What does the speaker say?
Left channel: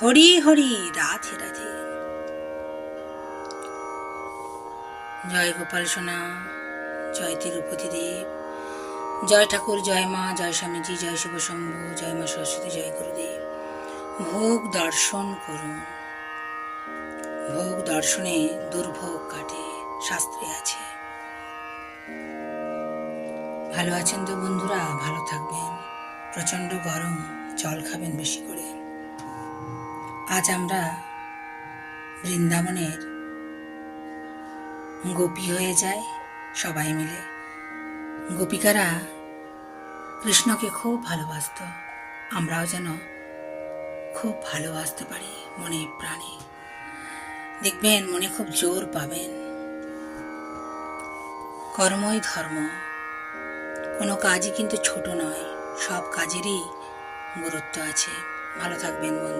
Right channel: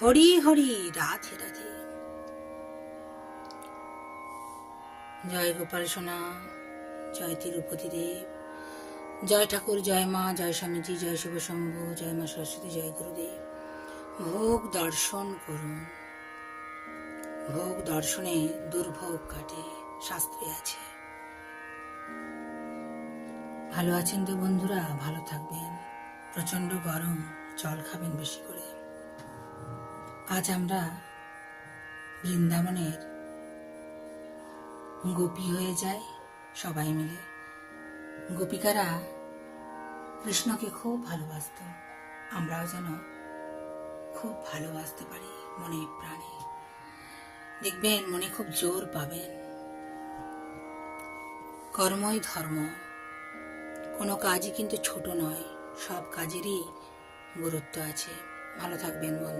হরি হরি, রাধে রাধে। জয় গোপাল সোনা, জয় তিরুপতি দেব, জয় ঠাকুর, জয় মা, জয় স্বামীজি, জয় শিব শম্ভু, জয় মা সরস্বতী, জয় গুরুদেব। ভোগ দর্শন করুন। ভোগ দর্শনে দুর্ভোগ কাটে, শাস্ত্রে আছে। ভালো আছেন তো বন্ধুরা? ভালো থাকবেন। প্রচণ্ড গরম, জল খাবেন বেশি করে। আজ আমরা বৃন্দাবনের গোপী হয়ে যাই সবাই মিলে। গোপিকারা কৃষ্ণকে খুব ভালোবাসত, আমরাও যেন খুব ভালোবাসতে পারি মনে প্রাণে। দেখবেন মনে খুব জোর পাবেন। কর্মই ধর্ম, কোনো কাজই কিন্তু ছোট নয়, সব কাজেরই গুরুত্ব আছে। ভালো থাকবেন বন্ধু।